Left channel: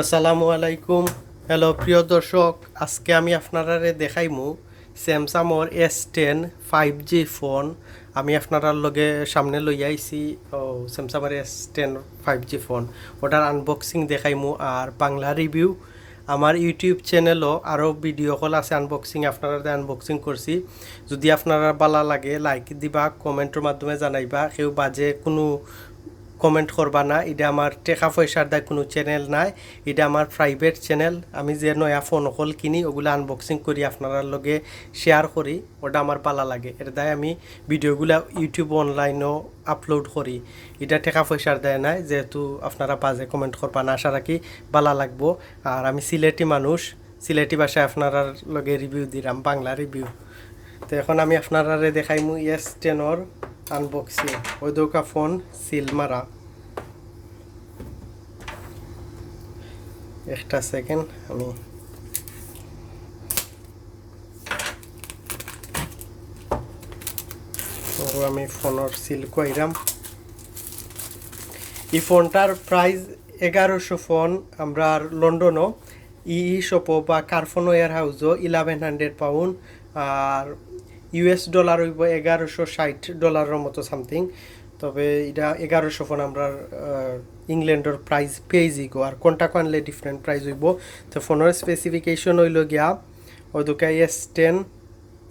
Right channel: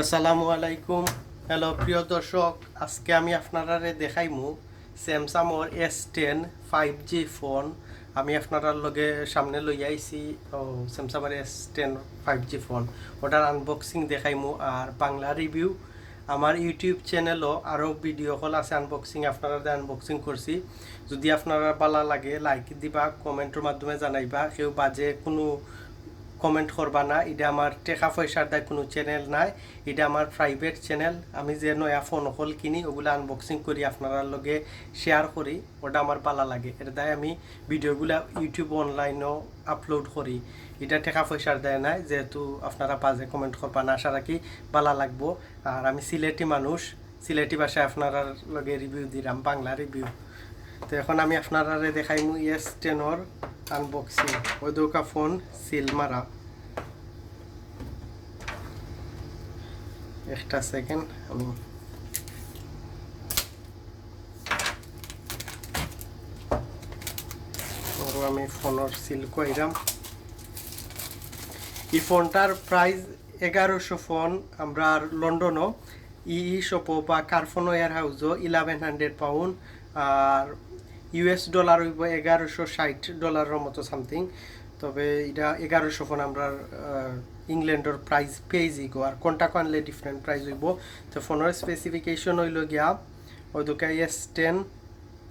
আসসালামু আলাইকুম। হ্যালো প্রিয় দর্শক, আজকে আমি আপনারা দেখাইমু স্যামসাংর S10 5G ফোন। আমি আপনার লগে সামনে লই আইছি স্যামসাংর S10 5G ফোন। ওটার আনবক্সিং দেখাইমু আর বাংলা রিভিউ। আমার ইউটিউব চ্যানেলও আরও ভিডিও কল আছে আনবক্সিং, আপনারা আনবক্সিং করছি। যদি আপনারা ভালো লাগে লাইক দিবা, কমেন্টের মাধ্যমে জানাইবা। কেউ বাজে কোনো কমেন্ট করবা না। এটা আমার টেকা পয়সার দায় কোনো চ্যানেল নাই, এটা আমার প্রাইভেট চ্যানেল। আমি যে নয়া ফোন হল কিনি ওগুলো আনবক্সিং করি আপনার লগে শেয়ার করি, ওটা আমার ভালো লাগে। এর দায় আমি ভিডিওগুলো ইউটিউব অনলাইনও আপলোড করি। এটা টেকা পয়সার দায় নাই, যেহেতু আপনারা বাজে কমেন্ট করবা না। আশা রাখি ভালো লাগবো। আর আমি সিলেটি মানুষ, সিলেটি ভাষায় আপনার লগে রিভিউ দিলাম, বাংলা রিভিউ। তো এখন আমি আপনারা দেখাইমু S10 আনবক্সিং। ওই দুকা ফোন সিল মারা। একটা সেকেন্ড, আমি ফোনের সিল কইরাম। এই ফোনটার প্রাইস 1100 ফোন আমরা লন্ডনও শপও বা কারফোনো এয়ার হাউসও £1100, আর US ডলার হইব $1160 মতো সামথিং। তবে এটা 1100 ফোন আমরা ইংল্যান্ডের প্রাইস পেয়েছি গো। আর কোনটা আনলে ডিফারেন্ট প্রাইস হইব। তো ফোনের স্পেসিফিকেশন হইল গিয়া ওই দুকা S10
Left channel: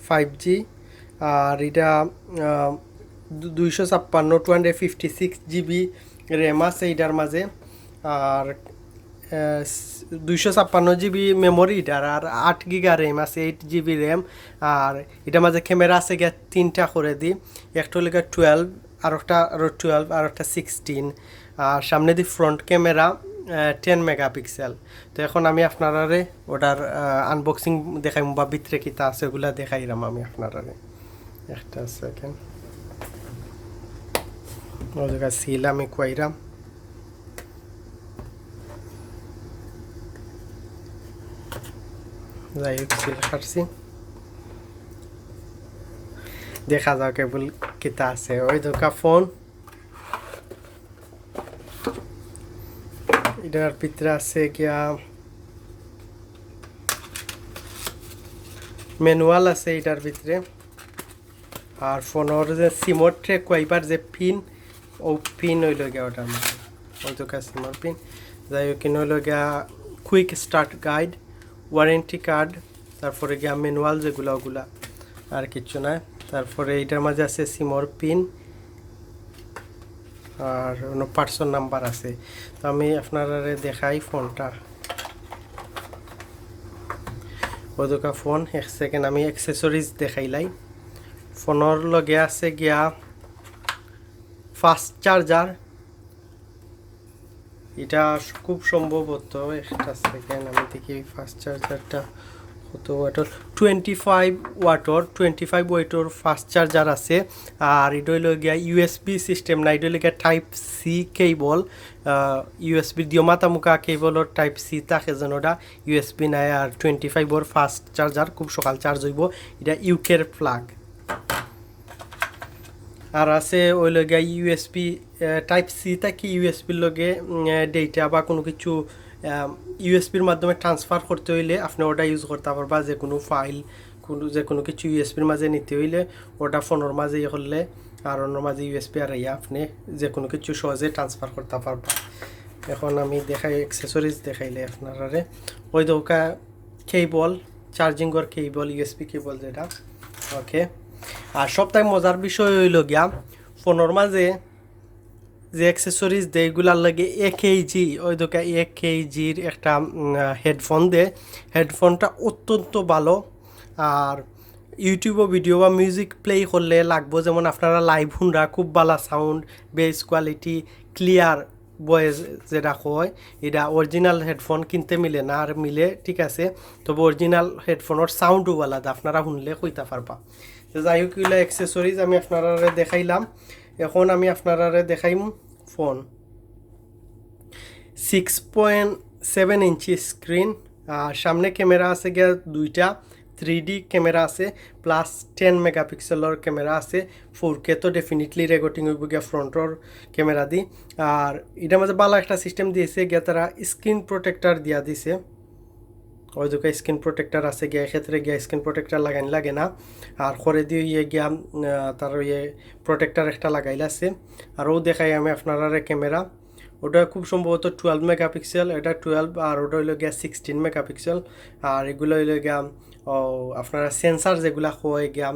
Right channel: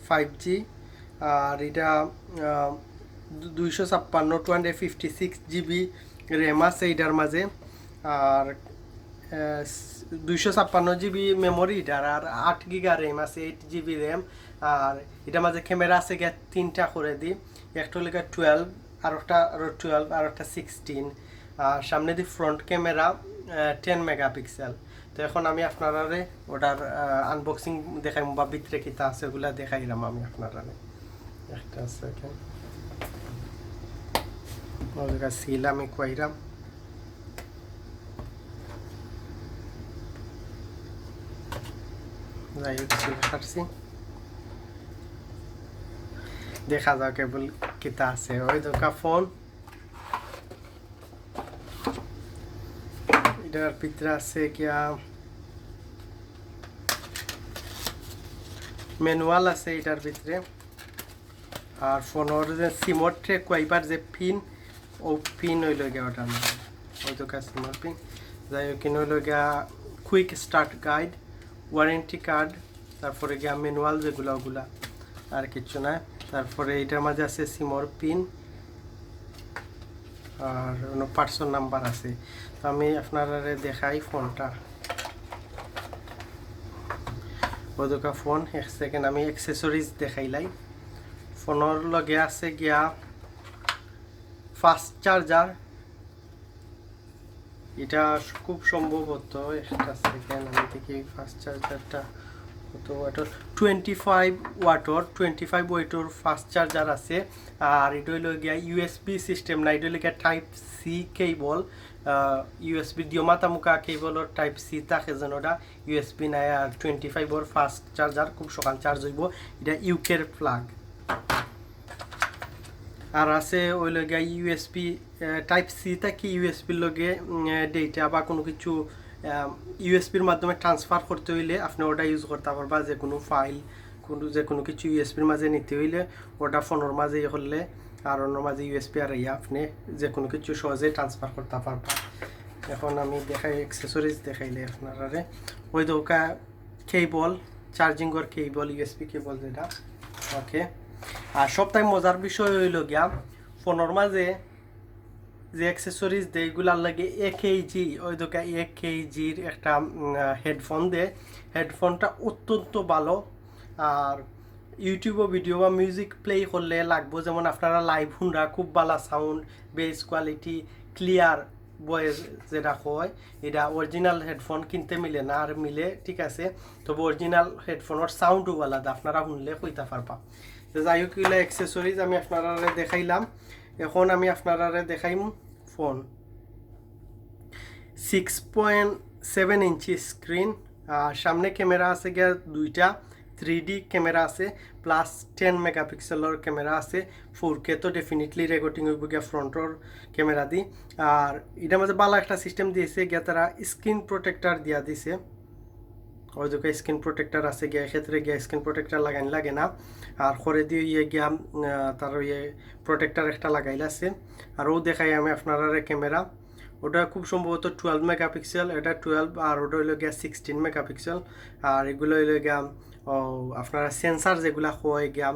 5G। আর এটা 256 র্যাম আছে এটার মাঝে, আর 256 GB মেমোরি এটার, আর 8 GB র্যাম আছে, 8 GB র্যাম। আর এটার মাঝে ক্যামেরা আছে গিয়া 3টা করে দিই। একটা হলো 12, আর একটা 12, আর একটা 16। আর সামনে দি ফ্রন্ট ক্যামেরা 10 মেগাপিক্সেল। তো এখন আমি আপনারা ওটার আনবক্সিং দেখাইম বা ভিতরে কিতা আছে ওগুলা দেখাইলাম আমি আপনারা। একটা সেকেন্ড, ওই জায়গা সিল আমি কইরাম। যাই হোক, সিল কাটছি, দেখা যাও কেবল কিতা আছে। ওই দোকা ফোন, এটার ভিতরে আছে গিয়া ম্যানুয়াল আছে এটার ভিতরে। আর ফোনের যে সিমর ট্রেক কয়েকবার যে পিন, ও পিন হইল গিয়া ওটার মধ্যে, ওই দোকা সিমর পিন। যাই হোক, কিনে হইল গিয়া quick start guide, warranty card, তারপরে গিয়া ম্যানুয়াল যেগুলা ওগুলা, আর কিছু না। তারপরে এটার মাঝে আছে সিমর পিন আর পার্সন নাম্বার আছে। তো আমি আপনারা দেখাই ফোনটা। ওই দোকা ফোন, এক সেকেন্ড আমি অ্যাক্সেসরিজ দেখাইলাই। ফোনের লগে আছে গিয়া ফাস্ট চার্জার। এটা খুব সম্ভবত, একটা সেকেন্ড আমি দেখি ফাস্ট চার্জারটা কত ওয়াটের। 25 ওয়াটের ফাস্ট চার্জার আছে। আর এটা হইল গিয়া USB সিস্টেম না, এটা হইল গিয়া টাইপ সি কেবল। USB দিও মাতামুখা কেবলর টাইপ সি থাকে যেন, ওটা USB নাই। আর 25 ফাস্ট চার্জার, খুব সকাল চার্জ হইব। এটা ইউকের প্লাগ। আর আছে ওই লগে USB টাইপ সি থাকি ইউএসবির লগে ডেটা বা কোনো কিছু ইউএসবির মাধ্যমে ট্রান্সফার করতে হইলে আপনি ওটা ইউজ করতে পারবা। যে কোনো ফাইল, যে কোনো কিছু ইউএসবির মাঝে নিতে হইলে ওটা ফোনের মাঝে ইয়ে করলে, আর অন্য মাঝে ইউএসবি আর আপনি যে কোনো কিছু সহজে ট্রান্সফার করতে পারবা। এখন আমি দেখাই অ্যাক্সেসরিজ দেখাইলে আপনারা। ওই দোকা কেবল, চার্জিংয়ের কেবল, ইউএসবি কেবল যেটা, ওকে। আর সবথেকে মজার বিষয় হইল গিয়া ফোনের মাঝে যে অ্যাক্সেসরিজ দেয় এগুলার লাগে 1kg, ওই দোকা 1kgর একটা হেডফোন দেয়। হেডফোনটা অত্যন্ত ভালো। আর ইউটিউবে ভিডিও বা মিউজিক প্লে করলে লাগবো, যেমন আপনারা লাইভ শুনরা খুব ভালো sound, base quality, clear voice যেটা হয়। এটা অরিজিনাল হেডফোন কিনতে মিলে না, আর মিলে ঠিক আছে, তবে অরিজিনাল হেডফোনের সাউন্ডও আলাদা, আপনারা শুনলে কইতে পারবা। যাই হোক, এগুলো অ্যাক্সেসরিজ আমি আপনারা দেখাইলাম। এখন আমি আপনারা দেখাইম ফোন। 6.7 ইঞ্চি স্ক্রিন, আর সামনে ক্যামেরা আছে গিয়া 2টা, 3D ক্যামেরা আছে প্লাস 10 মেগাপিক্সেলর ক্যামেরা আছে 4K তো ডেফিনেটলি রেকর্ডিং হইব গিয়া ফ্রন্টর ক্যামেরা দি আর এটার মাঝে ভালো একটা সিস্টেম দিয়েছে গিয়া তারা স্ক্রিন প্রোটেক্টর দিয়া দিছে ওই দুটো স্ক্রিন প্রোটেক্টর আছে গিয়া এক্ষেত্রে গিয়া স্ক্রিন প্রোটেক্টর লাগাইন লাগে না আর করে দিয়ে গিয়া তার প্রোটেক্টর একটা লাগাইল আছে আর ও দেখাই আমি আপনারা ক্যামেরা ওটা খুব সম্ভবত 12 মেগাপিক্সেল এটা 12 আর ওটা হইল গিয়া 16 মেগাপিক্সেল আর এগুলো হইল গিয়া আপনারা সেন্সার যেগুলা হয় গিয়া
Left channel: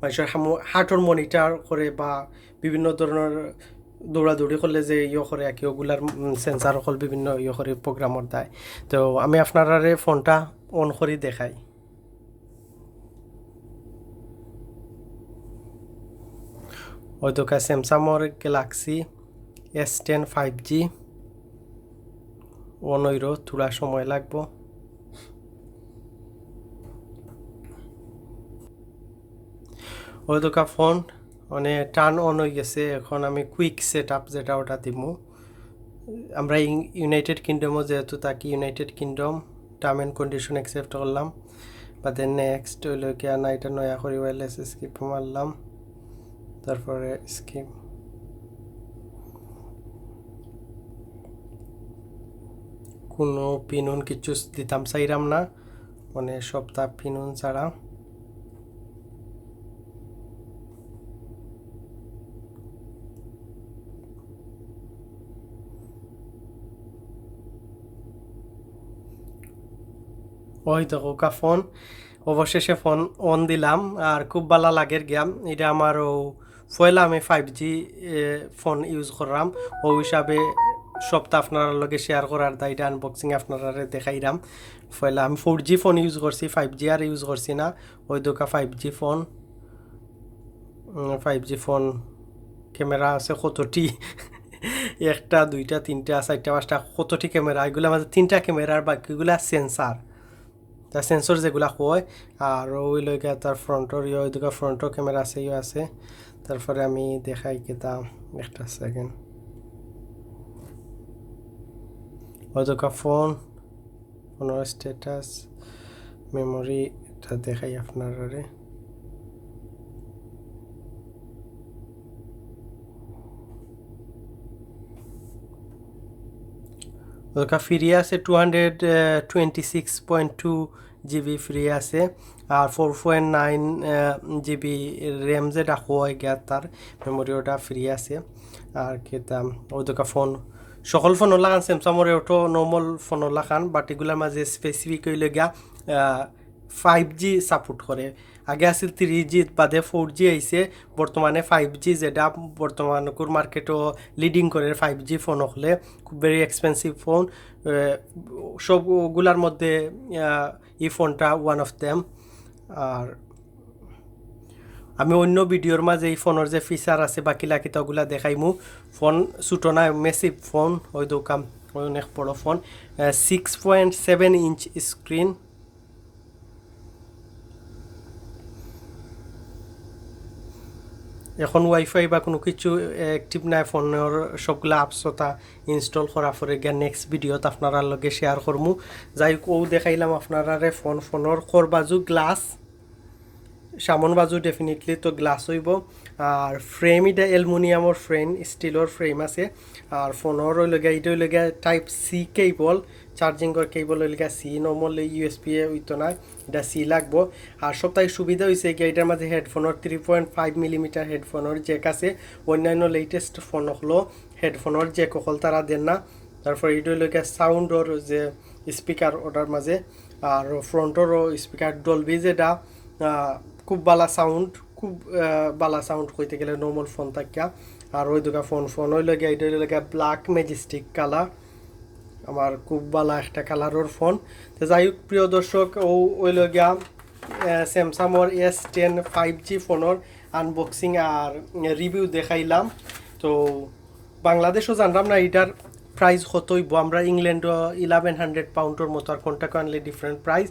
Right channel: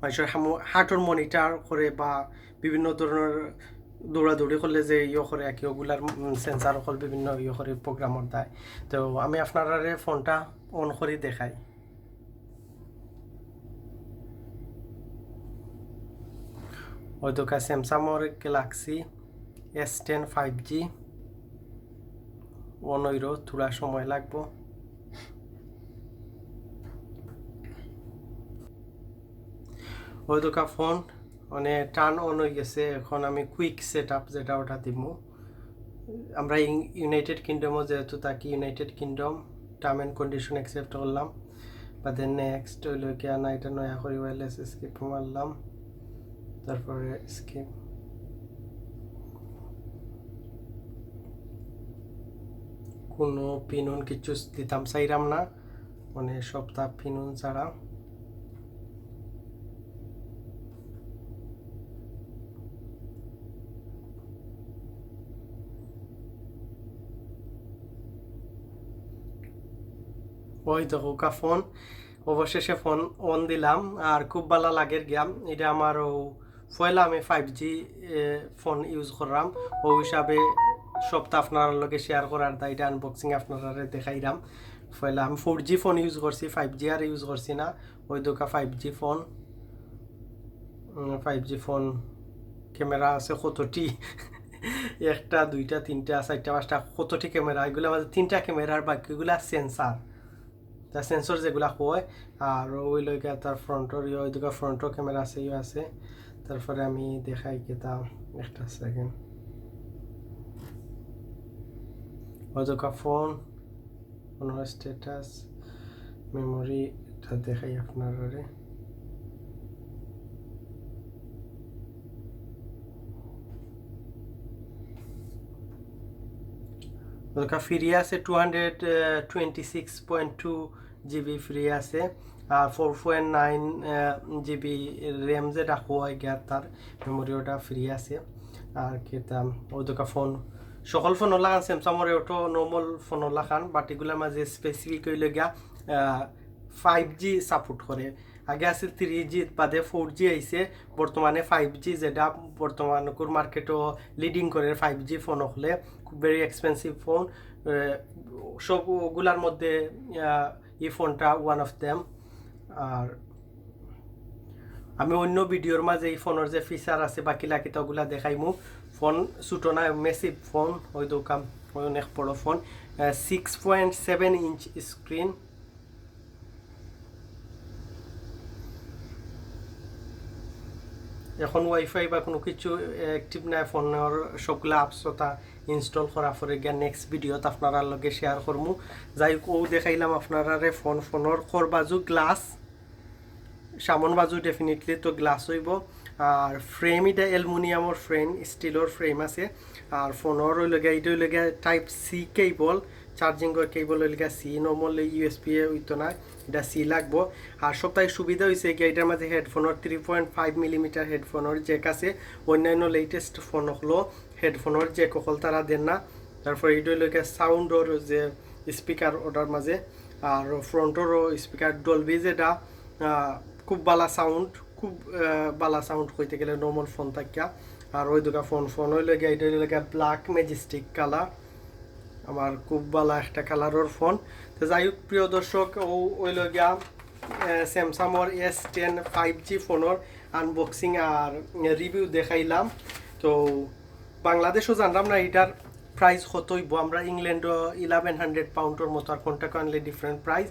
মানুষের হার্টর মনিটর করে বা বিভিন্ন ধরনের দৌড়াদৌড়ি করলে যে করে আর কি ওগুলার সেন্সার হল বিভিন্ন করে প্রোগ্রামর দেয় তো আমি আপনারা ফোনটা অন করে দেখাই ওই দোকান স্যামসাংর গ্যালাক্সি S10 5G অন হইর থোড়া সময় লাগবো ওই দোকান ফোন মানে টার্ন অন হয়ে গেছে এখন আমি কুইক সেট আপ যেটা ওটা দিব আমরা ইউনাইটেড কিংডমও যেহেতু থাকি United kingdom term and condition accept করলাম বা দেন নেক্সট হইল কি না এটা নয়া করি ওয়ারলেস স্কিপ মারলাম তারপরে স্কিপ কোনো পিনুন কিছু দিতাম চাইরাম না মানে সপ্তাহ পিনুন ছাড়া ওই তো ওকা ফোন অবশেষে ফোন অন দিলাম আর খুব ভালো লাগের গেম এটা আমার পয়লা আমি 5G ফোন ইউজ করলাম ও হিসাবে সপ্তাহ আপনার লগে শেয়ার করার দায় এটা আনবক্সিং আপনারা দেখাইলাম পয়লা আমি 4G ফোন ইউজ করছি 5G আর ইউজ করছি না ওই দোকা 5G ফোন ক্যামেরা আছে কতটি একটা দুইটা তিনটা চারটা পাঁচটা কতটি ক্যামেরা এগুলো মাঝে তিনটা ক্যামেরার বাকিগুলা সেন্সার তা সেন্সর যেগুলা কয় আর ওই লইকা তার ফ্রন্টর ওই দুটো ফ্রন্টর ক্যামেরা আছে আছে তারপরে আমি দেখাই কেতা একটা সেকেন্ড ওই দুটো ফোনের স্ট্যাটাস মেমোরি এটা দেখাই আপনারা ওটা ফ্রি আছে 226.2 GB ফ্রি আছে আর 4.9 GB র্যাম যেটা হয় গিয়া তার মেমোরি ওটা ফ্রি আছে আর কেতাম ওই দোকা ফোন সকল ফোন লাগান স্যামসাংয়ের ওটো নর্মাল ফোন লাগান বাট এগুলোর মাঝে স্পেসিফিক হইলে গিয়া 5G সাপোর্ট করে আগে আছে 3G বাদে 4G আইছে বর্তমানে 5G যেটা বর্তমানে মার্কেটও লিডিং করে 5G ফোন হলে খুব ভেরি এক্সপেন্সিভ ফোন সবগুলার মধ্যে এই ফোনটা ওয়ান অফ দেম আর আমি অন্য ভিডিওর মাঝে এই ফোনের যে ফিচার আছে বাকি লাকিতা ওগুলা দেখাইমু ফোন ছোটো না মেসিভ ফোন ওই দোকান ওই অনেক বড় ফোন 6.7 ইঞ্চ স্ক্রিন এখন ওয়াইফাই বা কোনো কিছু অ্যাক্টিভ নাই ফোনের সবগুলো আপসতা ইনস্টল করার পরে গিয়ে নেক্সট ভিডিওত আপনারা লগে শেয়ার করমু যাই হোক ও দেখাইলাম আপনারা ফোনের খর বাজু গ্লাস সামন বাজু ডেফিনেটলি তো গ্লাস হইব আর ফ্রেম এটা অ্যালুমিনিয়ামের ফ্রেম স্টিলের ফ্রেম আছে আর ফোনের লগে এটা লগে টাইপ সি কেবল চার্জিংয়ের কেবল লগে সি নর্মাল ইউএসপি হইতো না এটা সি লাগবো আর সবথেকে সুবিধা হয়েছে কি এটার মাঝে হেডফোনের 3.5 মিলিমিটার হেডফোনের জ্যাক আছে অন্যান্য লেটেস্ট ফোন হলো হেডফোনের জ্যাক হল তারা দেন না তারপর এটা লগে সাউন্ডর যে স্পিকার ওটার মাঝে আর ফ্রন্টেরও স্পিকার ডলবি যেটা খুব বালা সাউন্ড খুব বালা সাউন্ড কইতে গেলে নর্মাল ফোন থাকিয়া আর ওই দুটা ফোন ওই লগে এটা লগে ব্ল্যাক ম্যাজেস্টিক কালার আমার খুব ভালো একটা কালারের ফোন তো যাই হোক প্রিয় দর্শক ওই লগিয়া স্যামসাংয়ের S10 5G ফোনের আনবক্সিং আর রিভিউ দেখাইলাম তো বাংলাদেশও জানলাম না এটার প্রাইস কত হইব আমরা ইংল্যান্ডও 1100 পাউন্ডের মতো আর কোনটা আনলে ডিফারেন্ট প্রাইস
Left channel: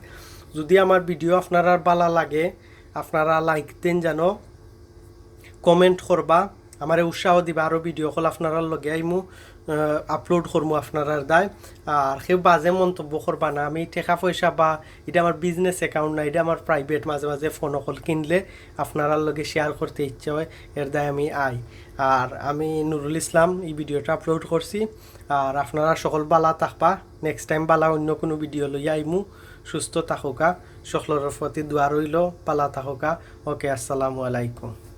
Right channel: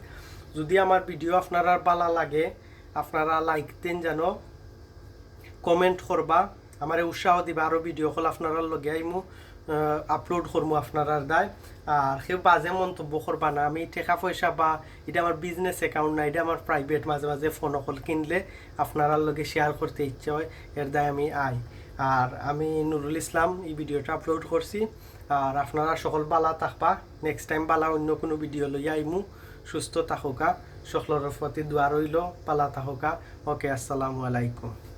যদি আমার ভিডিও আপনারা ভালো লাগে আপনারা লাইক দেন জানো কমেন্ট করবা আমার উৎসাহ দিবা আরও ভিডিও কল আপনারা লগে আইমু আপলোড করবো আপনারা দায়। আর কেউ বাজে মন্তব্য করবা না, আমি টাকা পয়সা বা এটা আমার বিজনেস অ্যাকাউন্ট না, এটা আমার প্রাইভেট। মাঝে মাঝে ফোন কল কিনলে আপনারা লগে শেয়ার করতে ইচ্ছে হয়, এর দায় আমি আই। আর আমি নুরুল ইসলাম এই ভিডিওটা আপলোড করছি। আর আপনারা সকল বালা থাকবা, নেক্সট টাইম বালা অন্য কোনো ভিডিও লইয়া আইমু। সুস্থ থাকুকা, সকলের প্রতি দোয়া রইল, পালা থাকুকা। ওকে, আসসালামু আলাইকুম।